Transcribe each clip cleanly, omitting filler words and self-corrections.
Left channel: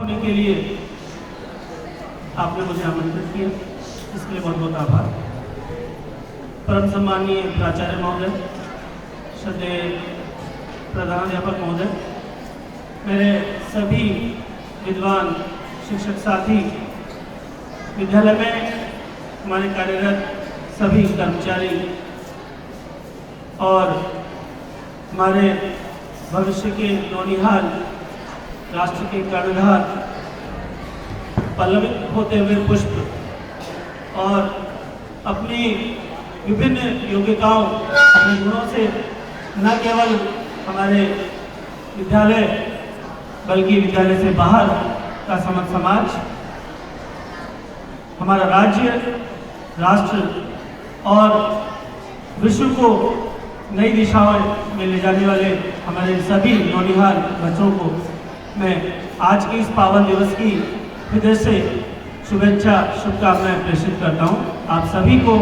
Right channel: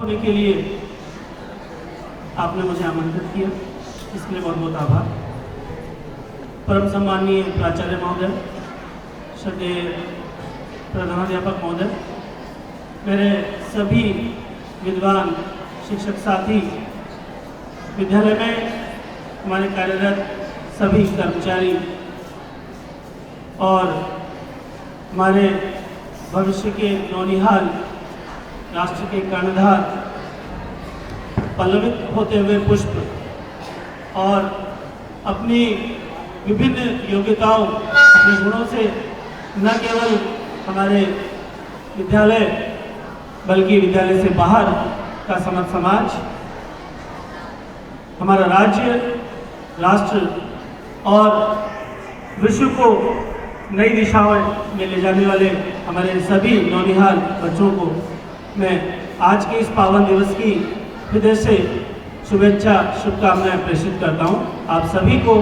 होने के लिए आपने मुझे आमंत्रित किया, इसके लिए बहुत बहुत आभार। परम सम्माननीय प्राचार्य महोदय, श्रद्धेय प्रधानाध्यापक महोदय, मेरे सभी विद्वान शिक्षक साथी, विद्यालय में हमारे कार्यरत सभी कर्मचारी और हमारे भविष्य के नौनिहाल राष्ट्र के कर्णधार, पल्लवित होते हुए पुष्प और अपनी विभिन्न योग्यताओं अपने गुणों से न केवल हमारे विद्यालय बल्कि विद्यालय से बाहर का समस्त समाज, हमारा राज्य, राष्ट्र और विश्व को नई दिशाओं में ले जाने वाले हमारे सभी नौनिहाल बच्चों को मैं आज के इस पावन दिवस की हृदय से शुभेच्छा शुभकामनाएं प्रेषित करता हूं। आप सभी को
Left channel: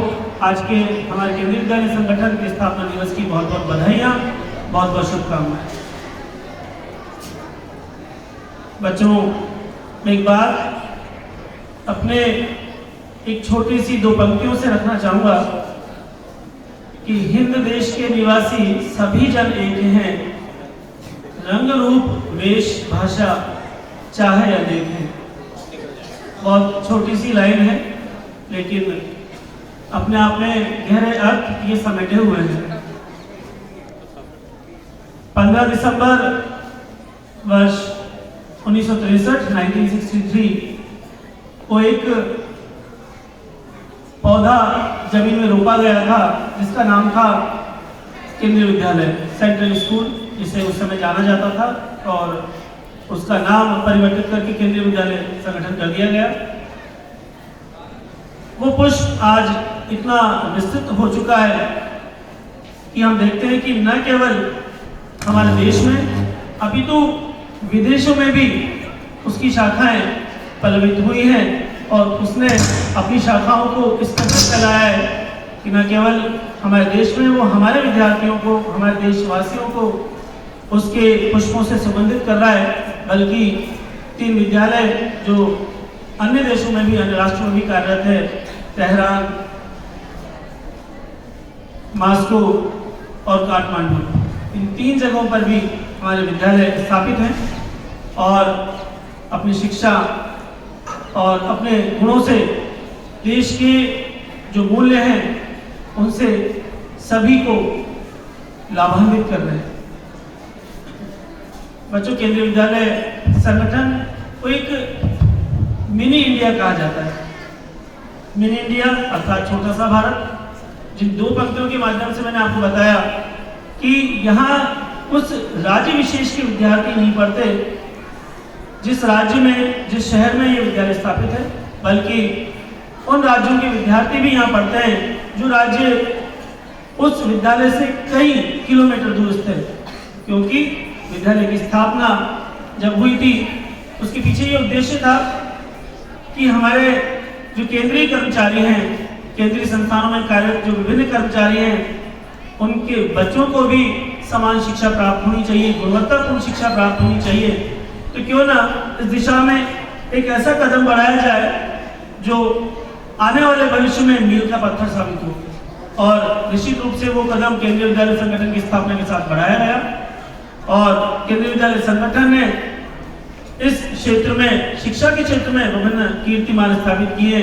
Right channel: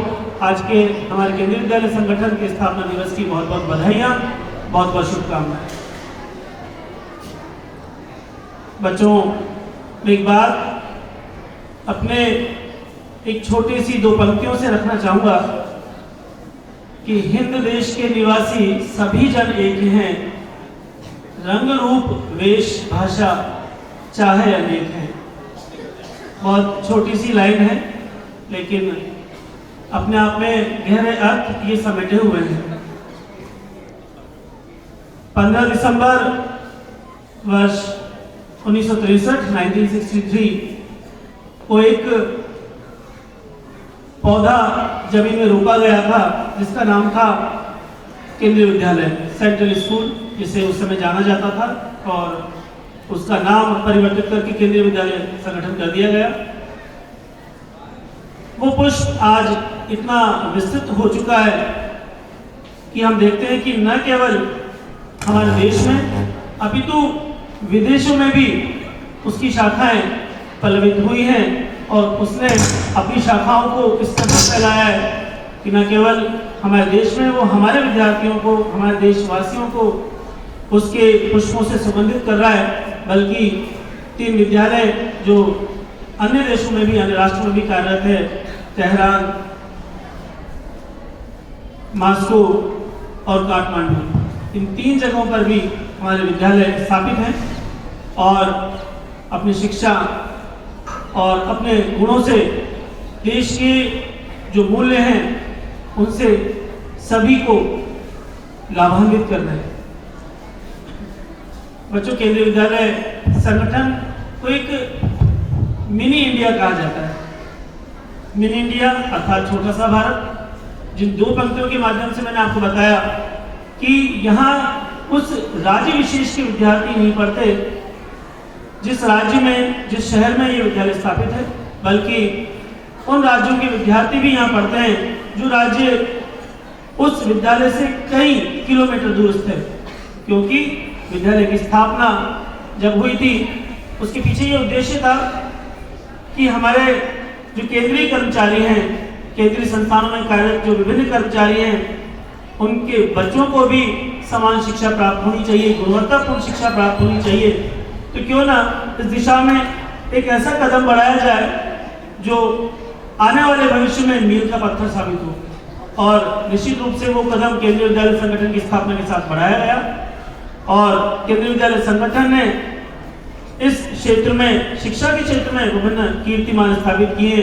आज के हमारे केंद्रीय विद्यालय संगठन के स्थापना दिवस की बहुत बहुत बधाइयां, बहुत बहुत शुभकामनाएं। बच्चों, एक बात अपने एक छोटी सी दो पंक्तियों से रखना चाहूंगा कि हिंद देश के निवासी सभी जन एक हैं, रंग रूप वेश भाषा चाहे अनेक हैं। बहुत छोटी सी लाइन है, लेकिन अपने आप में गहरे अर्थ ये समेटे हुए हैं। 15 दिसंबर वर्ष 1963 को एक पौधा जमीन में रोपा गया था जिसका नाम था केंद्रीय विद्यालय सेंट्रल स्कूल, जिसे उस समय जाना जाता था, और उसका नाम परिवर्तित करके केंद्रीय विद्यालय संगठन कर दिया गया। वो पुष्प आज इतना विस्तृत हो चुका है कि हम देखते हैं कि न केवल हमारे देश में अपितु विदेशों में भी उसकी शाखाएं पल्लवित हुई हैं और उसने अपनी शाखाओं को इस कदर फैलाया है कि न केवल हमारे देश में वो हमारे विद्यार्थियों को, हमारे देशवासियों को उसके पुष्पों से सुगंधित कर रहा है, बल्कि 3 विद्यालय जो अन्य देशों में भी, अन्य राष्ट्रों में भी कार्यरत है, तेहरान, मास्को और काठमांडू, इन 3 जगहों पर भी हमारे विद्यालय स्थापित हैं और अपनी शिक्षा और अपने गुणों से देश के जो मूल्य हैं उनसे सभी को लाभान्वित कर रहे हैं। बच्चों, केंद्रीय विद्यालय संगठन को एक मिनी इंडिया कहा जाता है। मिनी इंडिया अर्थात छोटा सा भारत। जिन 2 पंक्तियों के माध्यम से मैंने आपको बताया कि यहाँ उस राज्य विशेष के विद्यार्थी नहीं पढ़ते जिस राज्य में, जिस शहर में ये विद्यालय स्थापित है, बल्कि उन राज्यों के विद्यार्थी भी यहाँ पढ़ते हैं जो राज्य उस विद्यालय से कई किलोमीटर दूर स्थित है। क्योंकि विद्यालय की स्थापना जब हुई थी, उसके पीछे ये उद्देश्य था कि हमारे जो केंद्रीय कर्मचारी हैं, केंद्रीय संस्थानों में कार्यरत जो विभिन्न कर्मचारी हैं, उनके बच्चों को भी समान शिक्षा प्राप्त होनी चाहिए, गुणवत्तापूर्ण शिक्षा प्राप्त होनी चाहिए। तो क्यों ना इस दिशा में एक ऐसा कदम बढ़ाया जाए जो आने वाले भविष्य में मील का पत्थर साबित हो। और निश्चित रूप से वो कदम केंद्रीय विद्यालय संगठन की स्थापना के साथ बढ़ाया गया और केंद्रीय विद्यालय संगठन ने इस क्षेत्र में, शिक्षा के क्षेत्र में विभिन्न कीर्तिमान स्थापित किए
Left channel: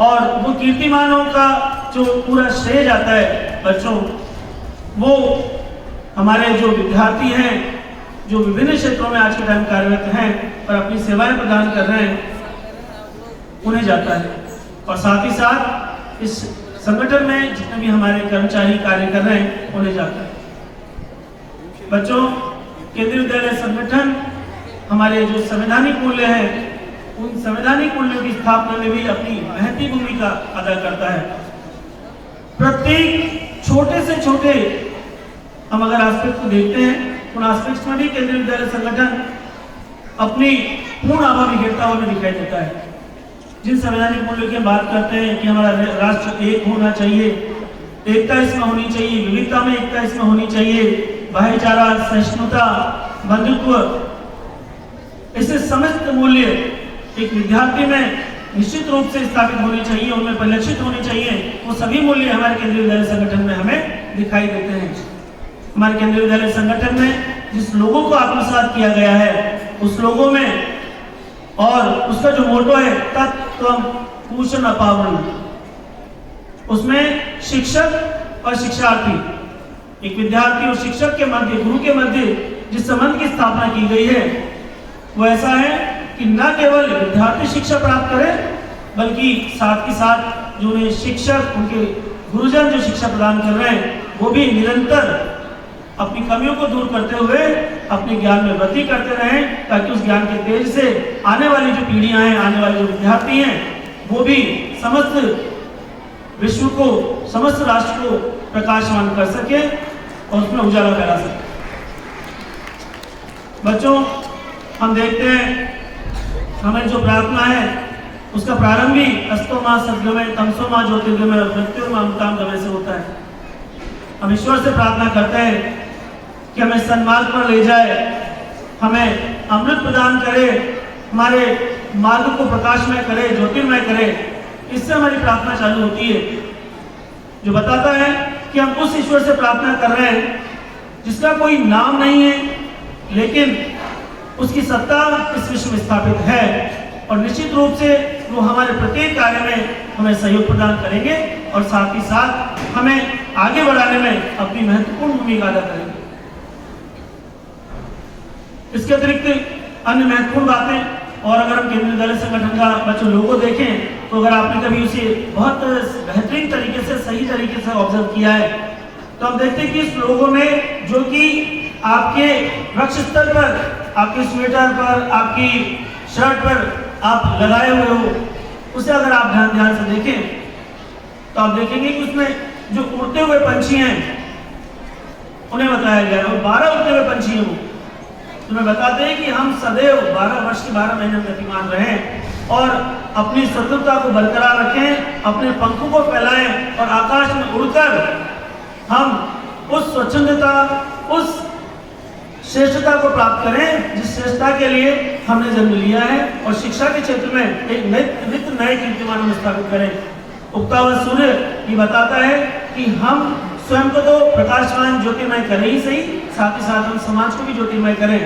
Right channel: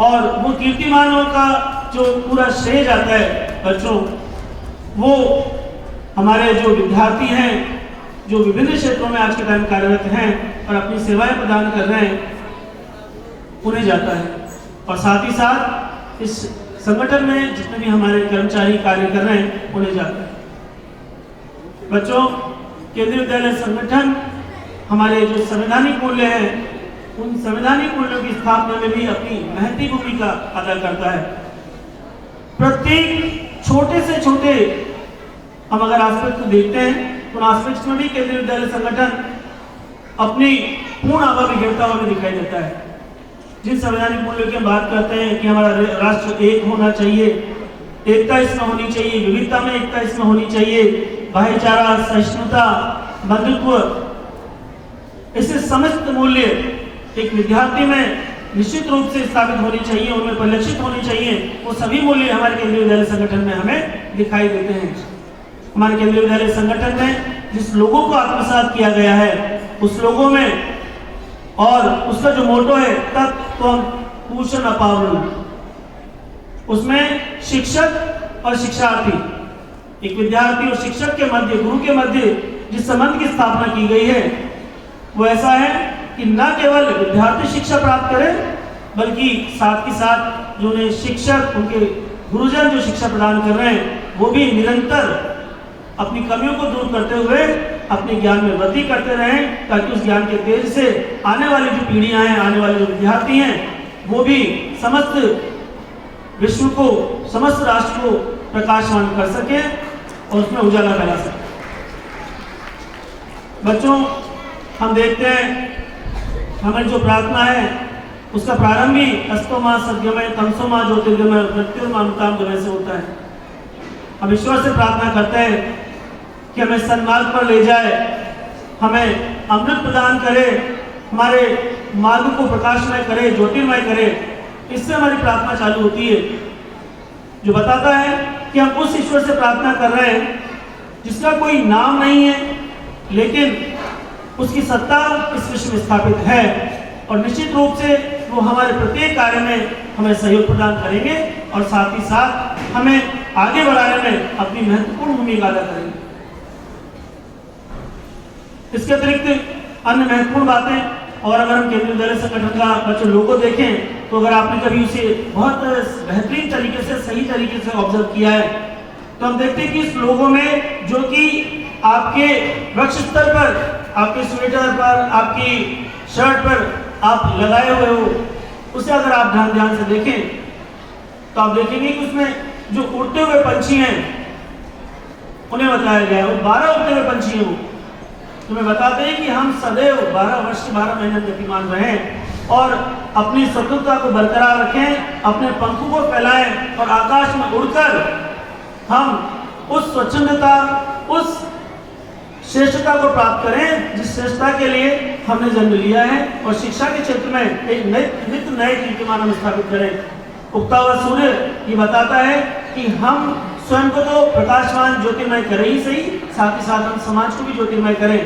और वो कीर्तिमानों का जो पूरा श्रेय जाता है बच्चों, वो हमारे जो विद्यार्थी हैं जो विभिन्न क्षेत्रों में आज के टाइम कार्यरत हैं और अपनी सेवाएं प्रदान कर रहे हैं, उन्हें जाता है। और साथ ही साथ इस संगठन में जितने भी हमारे कर्मचारी कार्य कर रहे हैं उन्हें जाता है। बच्चों, केंद्रीय विद्यालय संगठन हमारे जो संवैधानिक मूल्य हैं, उन संवैधानिक मूल्यों की स्थापना में भी अपनी महती भूमिका अदा करता है। प्रत्येक छोटे से छोटे हम अगर एस्पेक्ट को देखते हैं, उन एस्पेक्ट्स में भी केंद्रीय विद्यालय संगठन अपनी पूर्ण आभा बिखेरता हुआ दिखाई देता है। जिन संवैधानिक मूल्यों की बात करते हैं कि हमारा राष्ट्र एक होना चाहिए, एकता इसमें होनी चाहिए, विविधता में एकता इसमें होनी चाहिए, भाईचारा, सहिष्णुता, बंधुत्व, ऐसे समस्त मूल्य एक विद्यार्थी में निश्चित रूप से स्थापित होनी चाहिए, उनमें परिलक्षित होनी चाहिए। वो सभी मूल्य हमारे केंद्रीय विद्यालय संगठन में हमें दिखाई देते हैं। हमारे केंद्रीय विद्यालय संगठन में जिस लोगों को आत्मसात किया गया है, उस लोगों में और उसका जो मोटो है तत्त्वम पूषण अपावरण, उसमें शिक्षक और शिक्षार्थी, एक विद्यार्थी और शिक्षक के मध्य, गुरु के मध्य जिस संबंध की स्थापना की गई है वो ऐसा है कि न केवल विद्यार्थी शिक्षा प्राप्त करे, बल्कि साथ ही साथ जो उन्हें शिक्षक, उनके गुरुजन जो शिक्षा प्रदान कर रहे हैं, वो भी निरंतर अपनी कमियों को दूर करते हुए अपने ज्ञान में वृद्धि करते रहें, ताकि उस ज्ञान के तेज से आने वाली जो पीढ़ियां हैं, आने वाले जो विद्यार्थी हैं, वो भी समस्त विश्व को, समस्त राष्ट्र को प्रकाशमान कर सके और उसमें उजाला करा सके। बच्चों, हम देखते हैं हमें जो प्रार्थना है उसका प्रारंभ भी अस्तो माह सद्योमय तमसो माह ज्योतिर्गमय मृत्युर्मा अमृताम गमय से होता है। हम ईश्वर से प्रार्थना करते हैं कि हमें सन्मार्ग पर ले जाए, हमें अमृत प्रदान करे, हमारे मार्ग को प्रकाशमय करे, ज्योतिर्मय करे। इससे हमारी प्रार्थना चालू होती है, जो बताता है कि हम उस ईश्वर से प्रार्थना कर रहे हैं जिसका कोई नाम नहीं है, लेकिन उसकी सत्ता इस विश्व में स्थापित है, और निश्चित रूप से वो हमारे प्रत्येक कार्य में हमें सहयोग प्रदान करेंगे और साथ ही साथ हमें आगे बढ़ाने में अपनी महत्वपूर्ण भूमिका अदा करेंगे। इसके अतिरिक्त अन्य महत्वपूर्ण बातें, और अगर हम केंद्रीय विद्यालय संगठन का बच्चों लोगो देखें तो अगर आपने कभी उसे बहुत बेहतरीन तरीके से, सही तरीके से ऑब्जर्व किया है, तो हम देखते हैं कि इस लोगो में जो कि आपके वृक्ष स्तर पर, आपके स्वेटर पर, आपकी शर्ट पर आप लगाए हुए हो, उसे अगर आप ध्यान से देखें तो आप देखेंगे कि उसमें जो उड़ते हुए पंछी हैं उन्हें बताया गया है, और 12 उड़ते हुए पंछी हैं। वो तुम्हें बताते हैं कि हम सदैव 12 वर्ष के 12 महीने गतिमान रहें और अपनी स्वतंत्रता को बरकरार रखें, अपने पंखों को फैलाएं और आकाश में उड़कर हम उस स्वच्छंदता, उस श्रेष्ठता को प्राप्त करें जिस श्रेष्ठता के लिए हमने जन्म लिया है, और शिक्षा के क्षेत्र में एक नित्य नए कीर्तिमान हम स्थापित करें। उगता हुआ सूर्य ये बताता है कि हम स्वयं को तो प्रकाशमान ज्योतिर्मय करें ही सही, साथ ही साथ हम समाज को भी ज्योतिर्मय करें।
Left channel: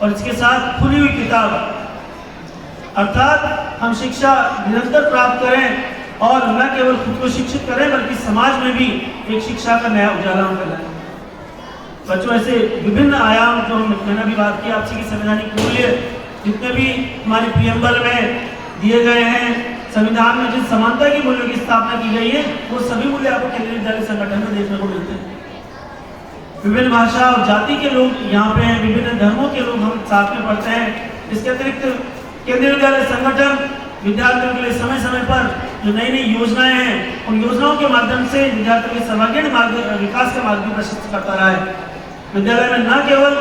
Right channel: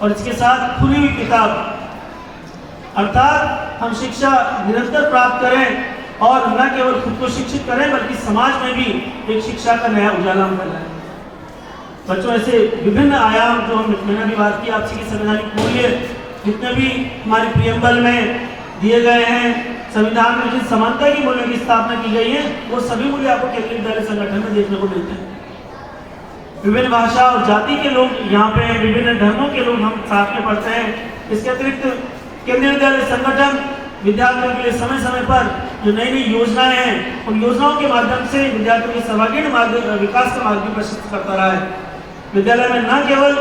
और इसके साथ खुली हुई किताब, अर्थात हम शिक्षा निरंतर प्राप्त करें और न केवल खुद को शिक्षित करें बल्कि समाज में भी एक शिक्षा का नया उजाला हम करें। बच्चों, ऐसे विभिन्न आयाम जो मैंने अभी बात की, आपसी की संवैधानिक मूल्य जितने भी हमारे प्रियम्बल में दिए गए हैं, संविधान में जिस समानता की मूल्यों की स्थापना की गई है, वो सभी मूल्य आपको केंद्रीय विद्यालय संगठन में देखने को मिलते हैं। विभिन्न भाषा और जाति के लोग यहाँ पे हैं, विभिन्न धर्मों के लोग हम साथ में पढ़ते हैं। इसके अतिरिक्त केंद्रीय विद्यालय संगठन विद्यार्थियों के लिए समय समय पर जो नई नई योजनाएं हैं, उन योजनाओं के माध्यम से विद्यार्थियों के सर्वांगीण विकास का मार्ग भी प्रशस्त करता रहा है। विद्यालय में न केवल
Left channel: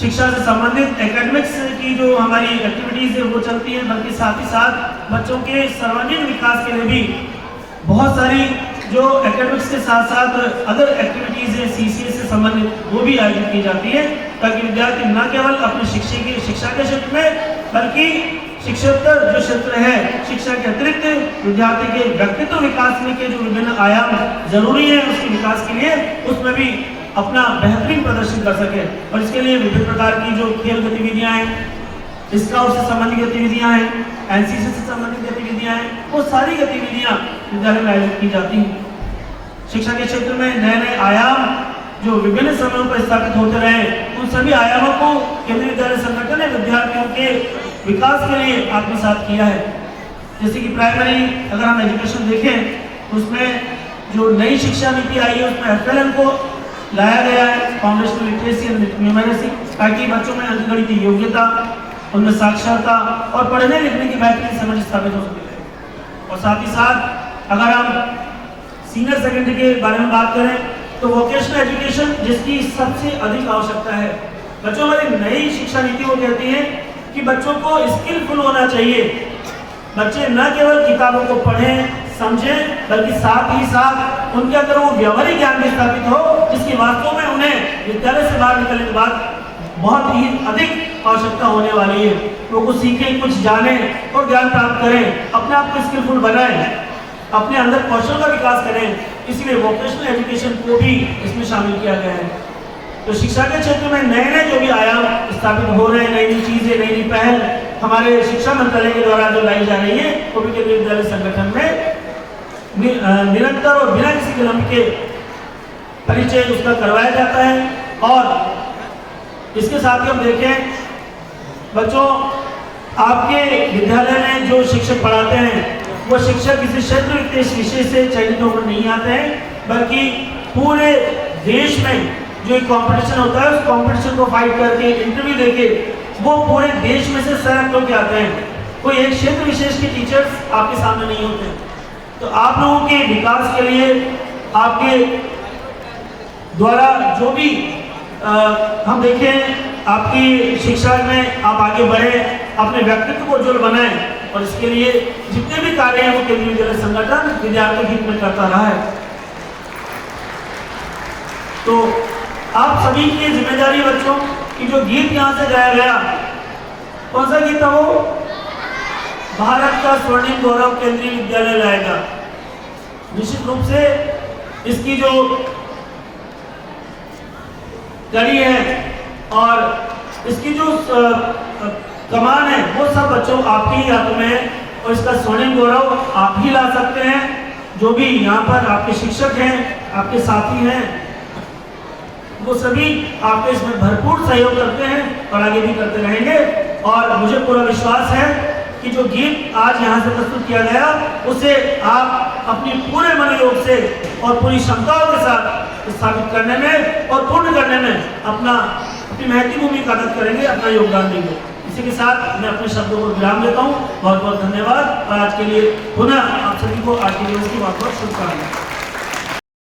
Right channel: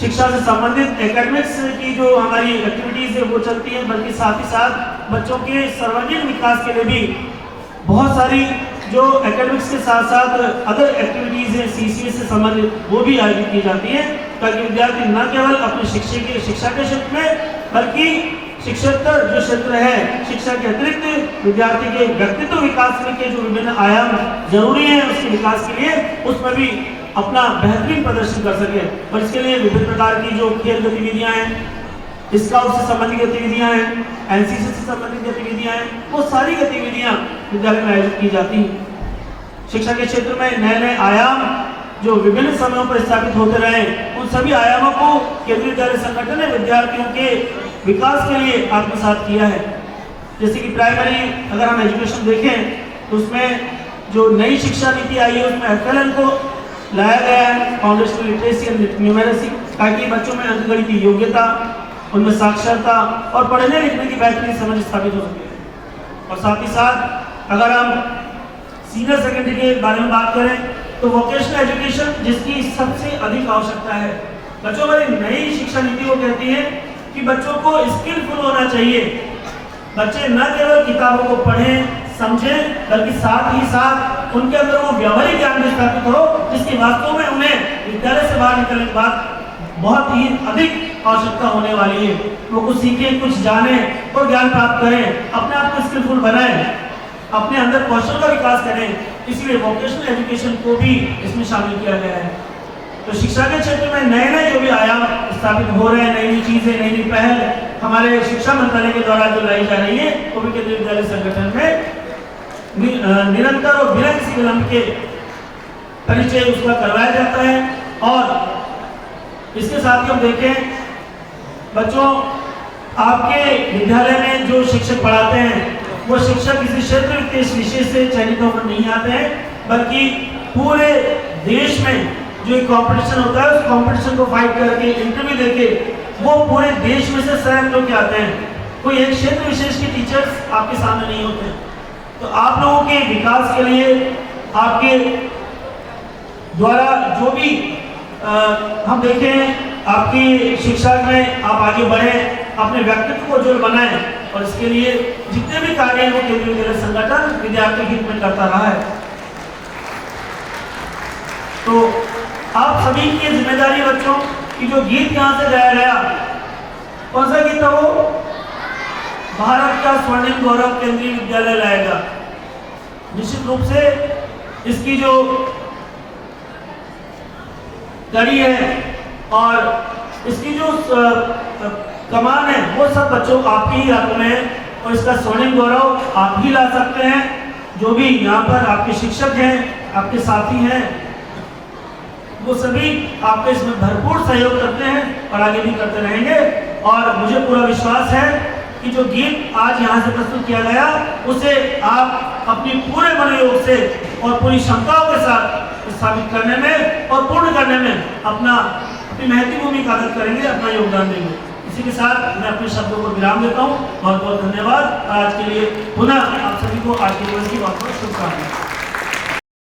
शिक्षा से संबंधित एकेडमिक्स की जो हमारी एक्टिविटीज है वो चलती है, बल्कि साथ ही साथ बच्चों के सर्वांगीण विकास के लिए भी बहुत सारी जो एकेडमिक्स के साथ साथ अदर एक्टिविटीज हैं सीसीए से संबंधित, वो भी आयोजित की जाती है, ताकि विद्यार्थी न केवल अपने शिक्षा के क्षेत्र में, बल्कि शिक्षेतर जो क्षेत्र है, शिक्षा के अतिरिक्त विद्यार्थी के व्यक्तित्व विकास में के जो विभिन्न आयाम जरूरी है उसके विकास के लिए, उसमें भी अपना बेहतरीन प्रदर्शन कर सके। और इसके लिए विभिन्न प्रकार की जो खेल गतिविधियां हैं, स्काउट से संबंधित गतिविधियां हैं, एनसीसी से संबंधित गतिविधियां हैं, वो सारी गतिविधियां विद्यालय में आयोजित की जाती हैं। शिक्षा के क्षेत्र में नए नए आयाम जो विभिन्न समयों पर स्थापित होते रहे, उन सभी आयामों को केंद्रीय विद्यालय संगठन ने विद्यार्थियों के विकास के लिए आत्मसात किया है। जैसे कि प्राइमरी अगर हम एजुकेशन देखें तो उसमें जो नई शिक्षा नीति आई है उसमें FLN को लाया गया है, फाउंडेशनल लिटरेसी एंड न्यूमेरेसी, ताकि बच्चों में अंकगणित की योग्यता, उनमें साक्षरता और पढ़ने लिखने की बेहतरीन समझ स्थापित हो सके। और साथ ही साथ अगर हम सीनियर सेकेंडरी के बारे में बात करें तो वोकेशनल एजुकेशन जिसकी सबसे अधिक आवश्यकता है। बच्चों, हमारी नई शिक्षा नीति वो कहती है कि बच्चों को स्किलफुल होना चाहिए। बच्चे न केवल किताबों को पढ़ें समझें, बल्कि साथ ही साथ उनके अंदर वो व्यवहारिक ज्ञान भी स्थापित हो, जिसकी वास्तव में उन्हें विद्यालय से बाहर निकलने के बाद बहुत ही अधिक आवश्यकता होने वाली है। वो कुछ सीखें, कुछ जाने और ज्ञान प्राप्त करें, अपने आप को स्किलफुल बनाएं, अपने अंदर कौशल का विकास करें। इसलिए वोकेशनल एजुकेशन को भी इसमें शामिल किया गया है। तो शिक्षा के क्षेत्र में नए नए जो भी आयाम स्थापित हो रहे हैं, नई नई चीजें, नई नई पहल हमारे शिक्षा मंत्रालय के द्वारा जो लाई जा रही है, वो भी केंद्रीय विद्यालय संगठन में निरंतर और बिना किसी विलंब के परिचय उसका करवाया जाता है। और इसके साथ ही हम देखें, बच्चों आपके विद्यालय में जो शिक्षक पढ़ाते हैं वो शिक्षक किसी क्षेत्र विशेष से चयनित होकर नहीं आते हैं, बल्कि पूरे देश में जो एक कंपटीशन होता है उस कंपटीशन को फाइट करके, इंटरव्यू देके वो पूरे देश में से सेलेक्ट होकर आते हैं। कोई एक क्षेत्र विशेष के टीचर्स आपके सामने नहीं होते। तो आप लोगों के विकास के लिए आपके द्वारा जो भी हम देखें, आपकी शिक्षा में आप आगे बढ़े, अपने व्यक्तित्व को उज्ज्वल बनाएं, और इसके लिए जितने भी कार्य हैं वो केंद्रीय विद्यालय संगठन विद्यार्थी हित में करता रहा है। तो आप सभी की जिम्मेदारी बच्चों कि जो गीत यहाँ से गाया गया, कौन सा गीत था वो? भारत का स्वर्णिम गौरव केंद्रीय विद्यालय लाएगा। निश्चित रूप से इसकी जो कड़ी है और इसकी जो कमान है वो सब बच्चों आपके ही हाथों में है, और इसका स्वर्णिम गौरव आप ही ला सकते हैं। जो भी यहाँ पर आपके शिक्षक हैं, आपके साथी हैं, वो सभी आपके इसमें भरपूर सहयोग करते हैं और आगे भी करते रहेंगे। और मुझे पूरा विश्वास है कि जो गीत आज यहाँ से प्रस्तुत किया गया उसे आप अपनी पूरे मनोयोग से और पूरी क्षमताओं के साथ स्थापित करने में और पूर्ण करने में अपनी महती भूमिका अदा करेंगे, अपना योगदान देंगे। इसी के साथ मैं अपने शब्दों को विराम देता हूँ। बहुत बहुत धन्यवाद। आज के लिए पुनः आप सभी को आज के दिवस की बहुत बहुत शुभकामनाएं।